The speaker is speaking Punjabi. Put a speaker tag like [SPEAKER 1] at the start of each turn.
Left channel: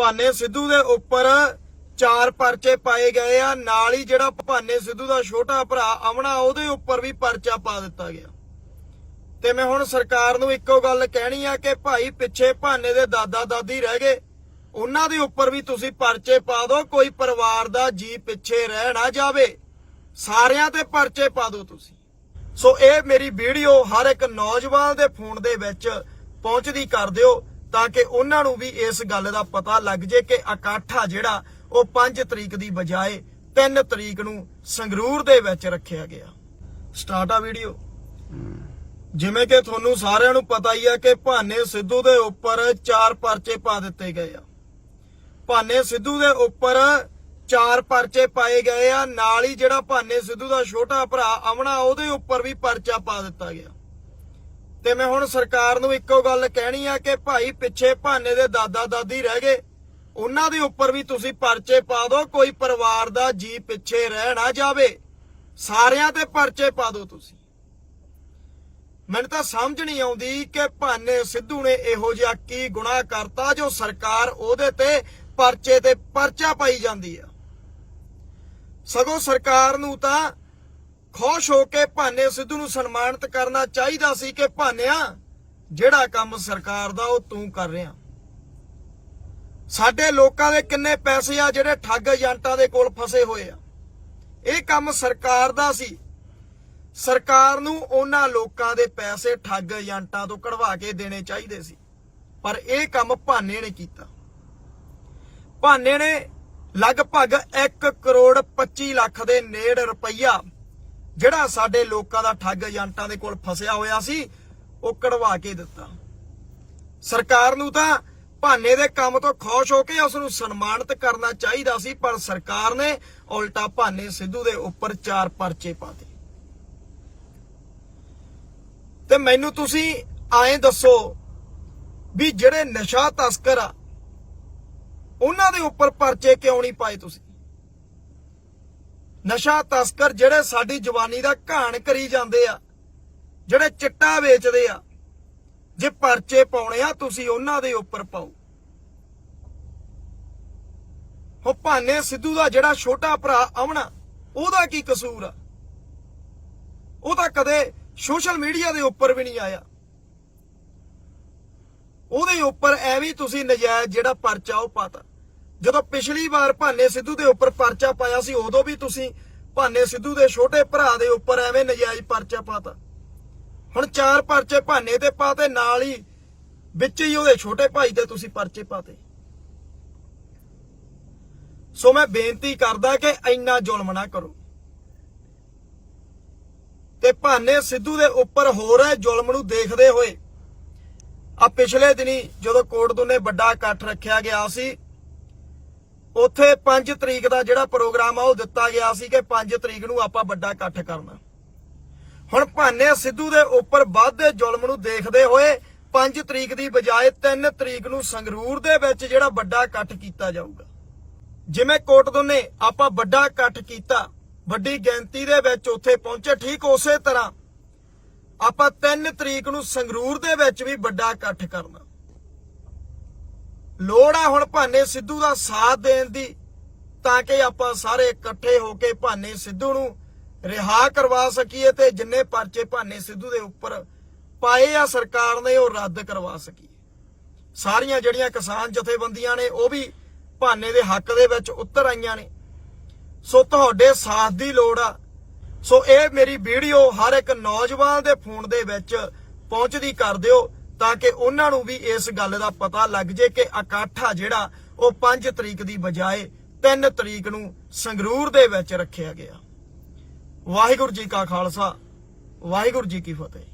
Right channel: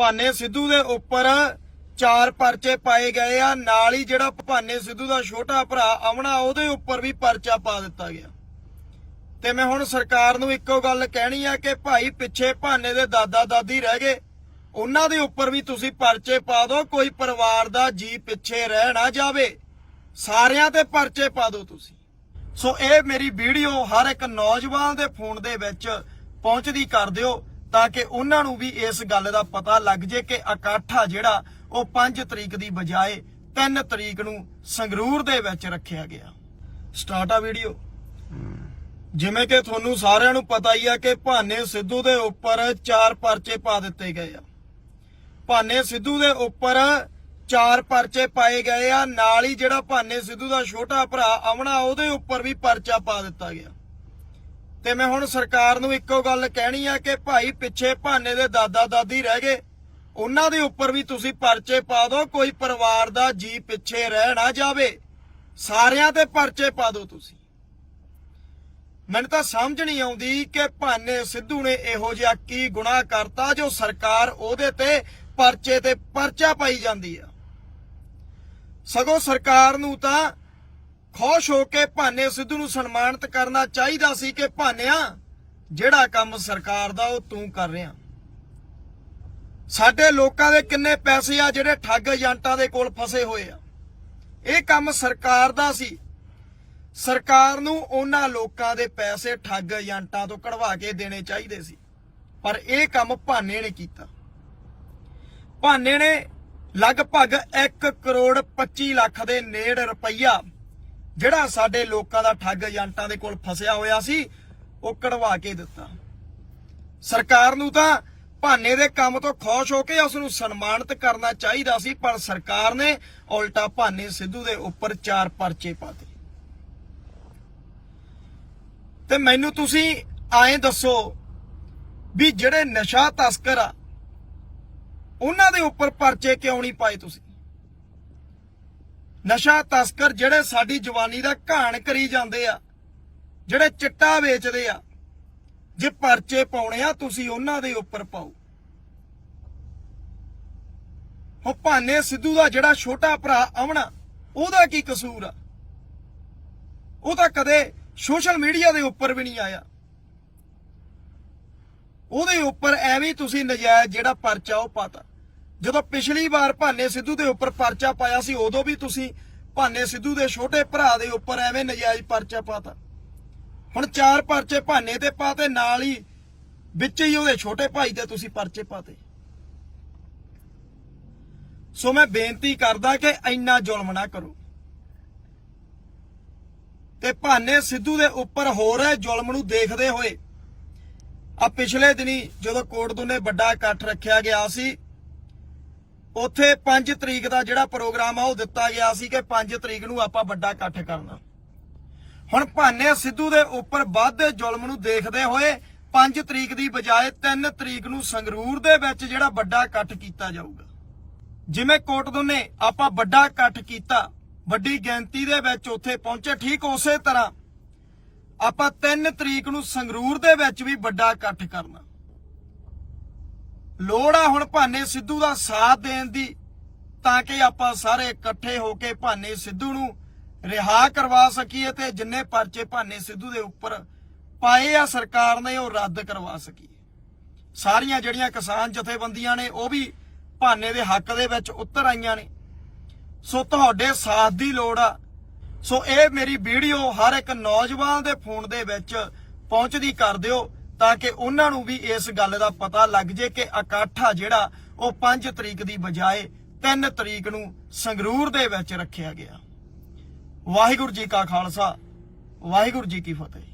[SPEAKER 1] ਭਾਨੇ ਸਿੱਧੂ ਦੇ ਉੱਪਰ ਚਾਰ ਪਰਚੇ ਪਾਏ ਗਏ ਆ। ਨਾਲ ਹੀ ਜਿਹੜਾ ਭਾਨੇ ਸਿੱਧੂ ਦਾ ਛੋਟਾ ਭਰਾ ਅਮਨਾ, ਉਹਦੇ ਉੱਪਰ ਵੀ ਪਰਚਾ ਪਾ ਦਿੱਤਾ ਗਿਆ। ਤੇ ਮੈਂ ਹੁਣ ਸਰਕਾਰ ਨੂੰ ਇੱਕੋ ਗੱਲ ਕਹਿਣੀ ਆ ਕਿ ਭਾਈ ਪਿੱਛੇ ਭਾਨੇ ਦੇ ਦਾਦਾ ਦਾਦੀ ਰਹਿ ਗਏ। ਉਹਨਾਂ ਦੇ ਉੱਪਰ ਵੀ ਤੁਸੀਂ ਪਰਚੇ ਪਾ ਦਿਓ ਕੋਈ ਪਰਿਵਾਰ ਦਾ ਜੀ ਪਿੱਛੇ ਰਹਿ ਨਾ ਜਾਵੇ। ਸਾਰਿਆਂ ਤੇ ਪਰਚੇ ਪਾ ਦਿਓ ਤੁਸੀਂ। ਸੋ ਇਹ ਮੇਰੀ ਵੀਡੀਓ ਹਰ ਇੱਕ ਨੌਜਵਾਨ ਦੇ ਫੋਨ ਦੇ ਵਿੱਚ ਪਹੁੰਚਦੀ ਕਰ ਦਿਓ। ਤਾਂ ਕਿ ਉਹਨਾਂ ਨੂੰ ਵੀ ਇਸ ਗੱਲ ਦਾ ਪਤਾ ਲੱਗ ਜੇ ਕਿ ਇਕੱਠ ਆ ਜਿਹੜਾ ਉਹ 5 ਤਰੀਕ ਦੀ ਬਜਾਏ 3 ਤਰੀਕ ਨੂੰ ਸੰਗਰੂਰ ਦੇ ਵਿੱਚ ਰੱਖਿਆ ਗਿਆ। ਸਟਾਰਟ ਆ ਵੀਡੀਓ। ਜਿਵੇਂ ਕਿ ਤੁਹਾਨੂੰ ਸਾਰਿਆਂ ਨੂੰ ਪਤਾ ਹੀ ਆ ਕਿ ਭਾਨੇ ਸਿੱਧੂ ਦੇ ਉੱਪਰ ਚਾਰ ਪਰਚੇ ਪਾ ਦਿੱਤੇ ਗਏ ਆ। ਭਾਨੇ ਸਿੱਧੂ ਦੇ ਉੱਪਰ ਚਾਰ ਪਰਚੇ ਪਾਏ ਗਏ ਆ। ਨਾਲ ਹੀ ਜਿਹੜਾ ਭਾਨੇ ਸਿੱਧੂ ਦਾ ਛੋਟਾ ਭਰਾ ਅਮਨਾ, ਉਹਦੇ ਉੱਪਰ ਵੀ ਪਰਚਾ ਪਾ ਦਿੱਤਾ ਗਿਆ। ਤੇ ਮੈਂ ਹੁਣ ਸਰਕਾਰ ਨੂੰ ਇੱਕੋ ਗੱਲ ਕਹਿਣੀ ਆ ਕਿ ਭਾਈ ਪਿੱਛੇ ਭਾਨੇ ਦੇ ਦਾਦਾ ਦਾਦੀ ਰਹਿ ਗਏ। ਉਹਨਾਂ ਦੇ ਉੱਪਰ ਵੀ ਤੁਸੀਂ ਪਰਚੇ ਪਾ ਦਿਓ ਕੋਈ ਪਰਿਵਾਰ ਦਾ ਜੀ ਪਿੱਛੇ ਰਹਿ ਨਾ ਜਾਵੇ। ਸਾਰਿਆਂ ਤੇ ਪਰਚੇ ਪਾ ਦਿਓ ਤੁਸੀਂ। ਮੈਨੂੰ ਤਾਂ ਸਮਝ ਨਹੀਂ ਆਉਂਦੀ ਕਿ ਭਾਨੇ ਸਿੱਧੂ ਨੇ ਇਹੋ ਜਿਹਾ ਕੀ ਗੁਨਾਹ ਕਰਤਾ ਜੋ ਸਰਕਾਰ ਉਹਦੇ ਤੇ ਪਰਚੇ ਤੇ ਪਰਚਾ ਪਾਈ ਜਾਂਦੀ ਆ। ਸਗੋਂ ਸਰਕਾਰ ਨੂੰ ਤਾਂ ਖੁਸ਼ ਹੋ ਕੇ ਭਾਨੇ ਸਿੱਧੂ ਨੂੰ ਸਨਮਾਨਿਤ ਕਰਨਾ ਚਾਹੀਦਾ ਸੀ ਕਿ ਭਾਨਿਆ, ਜਿਹੜਾ ਕੰਮ ਸਰਕਾਰ ਦਾ ਉਹ ਤੂੰ ਕਰ ਰਿਹਾ। ਸਾਡੇ ਲੋਕਾਂ ਦੇ ਕਿੰਨੇ ਪੈਸੇ ਆ ਜਿਹੜੇ ਠੱਗ ਏਜੰਟਾਂ ਦੇ ਕੋਲ ਫਸੇ ਹੋਏ ਆ। ਇਹ ਕੰਮ ਸਰਕਾਰ ਦਾ ਸੀ। ਸਰਕਾਰ ਨੂੰ ਉਹਨਾਂ ਲੋਕਾਂ ਦੇ ਪੈਸੇ ਠੱਗ ਏਜੰਟਾਂ ਤੋਂ ਕਢਵਾ ਕੇ ਦੇਣੇ ਚਾਹੀਦੇ ਸੀ। ਪਰ ਇਹ ਕੰਮ ਭਾਨੇ ਨੇ ਕੀਤਾ। ਭਾਨੇ ਨੇ ਲਗਭਗ 1 ਕਰੋੜ 25 ਲੱਖ ਦੇ ਨੇੜ ਰੁਪਈਆ ਜਿਹੜਾ ਸਾਡੇ ਲੋਕਾਂ ਦਾ ਠੱਗ ਏਜੰਟਾਂ ਦੇ ਕੋਲ ਫਸਿਆ ਹੋਇਆ ਸੀ, ਉਹ ਕਢਵਾ ਕੇ ਦਿੱਤਾ। ਸਰਕਾਰ ਨੂੰ ਤਾਂ ਭਾਨੇ ਦੇ ਕੰਮ ਤੋਂ ਖੁਸ਼ ਹੋ ਕੇ ਉਸ ਨੂੰ ਸਨਮਾਨਿਤ ਕਰਨਾ ਚਾਹੀਦਾ ਸੀ, ਪਰ ਸਰਕਾਰ ਨੇ ਉਲਟਾ ਭਾਨੇ ਸਿੱਧੂ ਦੇ ਉੱਪਰ ਚਾਰ ਪਰਚੇ ਪਾਤੇ ਤੇ ਮੈਨੂੰ ਤੁਸੀਂ ਆਏ ਦੱਸੋ ਵੀ ਜਿਹੜੇ ਨਸ਼ਾ ਤਸਕਰ ਆ, ਉਹਨਾਂ ਦੇ ਉੱਪਰ ਪਰਚੇ ਕਿਉਂ ਨਹੀਂ ਪਾਏ ਤੁਸੀਂ? ਨਸ਼ਾ ਤਸਕਰ ਜਿਹੜੇ ਸਾਡੀ ਜਵਾਨੀ ਦਾ ਘਾਣ ਕਰੀ ਜਾਂਦੇ ਆ, ਜਿਹੜੇ ਚਿੱਟਾ ਵੇਚਦੇ ਆ, ਜੇ ਪਰਚੇ ਪਾਉਣੇ ਆ, ਤੁਸੀਂ ਉਹਨਾਂ ਦੇ ਉੱਪਰ ਪਾਓ। ਹੋ ਭਾਨੇ ਸਿੱਧੂ ਦਾ ਜਿਹੜਾ ਛੋਟਾ ਭਰਾ ਅਮਨਾ ਉਹਦਾ ਕੀ ਕਸੂਰ ਆ? ਉਹ ਤਾਂ ਕਦੇ ਸੋਸ਼ਲ ਮੀਡੀਆ ਦੇ ਉੱਪਰ ਵੀ ਨਹੀਂ ਆਇਆ। ਉਹਦੇ ਉੱਪਰ ਐਵੇਂ ਤੁਸੀਂ ਨਜਾਇਜ਼ ਜਿਹੜਾ ਪਰਚਾ ਉਹ ਪਾਤਾ। ਜਦੋਂ ਪਿਛਲੀ ਵਾਰ ਭਾਨੇ ਸਿੱਧੂ ਦੇ ਉੱਪਰ ਪਰਚਾ ਪਾਇਆ ਸੀ, ਉਦੋਂ ਵੀ ਤੁਸੀਂ ਭਾਨੇ ਸਿੱਧੂ ਦੇ ਛੋਟੇ ਭਰਾ ਦੇ ਉੱਪਰ ਐਵੇਂ ਨਜਾਇਜ਼ ਪਰਚਾ ਪਾਤਾ। ਹੁਣ ਚਾਰ ਪਰਚੇ ਭਾਨੇ ਤੇ ਪਾਤੇ ਨਾਲ ਹੀ ਵਿੱਚ ਹੀ ਉਹਦੇ ਛੋਟੇ ਭਾਈ ਤੇ ਤੁਸੀਂ ਪਰਚੇ ਪਾਤੇ। ਸੋ ਮੈਂ ਬੇਨਤੀ ਕਰਦਾ ਕਿ ਇੰਨਾ ਜ਼ੁਲਮ ਨਾ ਕਰੋ। ਤੇ ਭਾਨੇ ਸਿੱਧੂ ਦੇ ਉੱਪਰ ਹੋ ਰਹੇ ਜ਼ੁਲਮ ਨੂੰ ਦੇਖਦੇ ਹੋਏ ਆ ਪਿਛਲੇ ਦਿਨੀ ਜਦੋਂ ਕੋਟ ਦੋਨੇ ਵੱਡਾ ਇਕੱਠ ਰੱਖਿਆ ਗਿਆ ਸੀ ਉੱਥੇ 5 ਤਰੀਕ ਦਾ ਜਿਹੜਾ ਪ੍ਰੋਗਰਾਮ ਆ, ਉਹ ਦਿੱਤਾ ਗਿਆ ਸੀ ਕਿ 5 ਤਰੀਕ ਨੂੰ ਆਪਾਂ ਵੱਡਾ ਇਕੱਠ ਕਰਨਾ। ਹੁਣ ਭਾਨੇ ਸਿੱਧੂ ਦੇ ਉੱਪਰ ਵੱਧਦੇ ਜ਼ੁਲਮ ਨੂੰ ਦੇਖਦੇ ਹੋਏ 5 ਤਰੀਕ ਦੀ ਬਜਾਏ 3 ਤਰੀਕ ਨੂੰ ਸੰਗਰੂਰ ਦੇ ਵਿੱਚ ਜਿਹੜਾ ਵੱਡਾ ਇਕੱਠ ਕੀਤਾ ਜਾਊਗਾ। ਜਿਵੇਂ ਕੋਟਦੂ ਨੇ ਆਪਾਂ ਵੱਡਾ ਇਕੱਠ ਕੀਤਾ, ਵੱਡੀ ਗਿਣਤੀ ਦੇ ਵਿੱਚ ਉੱਥੇ ਪਹੁੰਚੇ ਠੀਕ ਉਸੇ ਤਰ੍ਹਾਂ। ਆਪਾਂ 3 ਤਰੀਕ ਨੂੰ ਸੰਗਰੂਰ ਦੇ ਵਿੱਚ ਵੀ ਵੱਡਾ ਇਕੱਠ ਕਰਨਾ। ਲੋੜ ਆ ਹੁਣ ਭਾਨੇ ਸਿੱਧੂ ਦਾ ਸਾਥ ਦੇਣ ਦੀ, ਤਾਂ ਕਿ ਆਪਾਂ ਸਾਰੇ ਇਕੱਠੇ ਹੋ ਕੇ ਭਾਨੇ ਸਿੱਧੂ ਨੂੰ ਰਿਹਾ ਕਰਵਾ ਸਕੀਏ ਤੇ ਜਿੰਨੇ ਪਰਚੇ ਭਾਨੇ ਸਿੱਧੂ ਦੇ ਉੱਪਰ ਪਾਏ ਆ ਸਰਕਾਰ ਨੇ, ਉਹ ਰੱਦ ਕਰਵਾ ਸਕੀਏ। ਸਾਰੀਆਂ ਜਿਹੜੀਆਂ ਕਿਸਾਨ ਜਥੇਬੰਦੀਆਂ ਨੇ, ਉਹ ਵੀ ਭਾਨੇ ਦੇ ਹੱਕ ਦੇ ਵਿੱਚ ਉਤਰ ਆਈਆਂ ਨੇ। ਸੋ ਤੁਹਾਡੇ ਸਾਥ ਦੀ ਲੋੜ ਆ। ਸੋ ਇਹ ਮੇਰੀ ਵੀਡੀਓ ਹਰ ਇੱਕ ਨੌਜਵਾਨ ਦੇ ਫੋਨ ਦੇ ਵਿੱਚ ਪਹੁੰਚਦੀ ਕਰ ਦਿਓ। ਤਾਂ ਕਿ ਉਹਨਾਂ ਨੂੰ ਵੀ ਇਸ ਗੱਲ ਦਾ ਪਤਾ ਲੱਗ ਜੇ ਕਿ ਇਕੱਠ ਜਿਹੜਾ ਉਹ 5 ਤਰੀਕ ਦੀ ਬਜਾਏ 3 ਤਰੀਕ ਨੂੰ ਸੰਗਰੂਰ ਦੇ ਵਿੱਚ ਰੱਖਿਆ ਗਿਆ। ਵਾਹਿਗੁਰੂ ਜੀ ਕਾ ਖਾਲਸਾ, ਵਾਹਿਗੁਰੂ ਜੀ ਕੀ ਫਤਿਹ।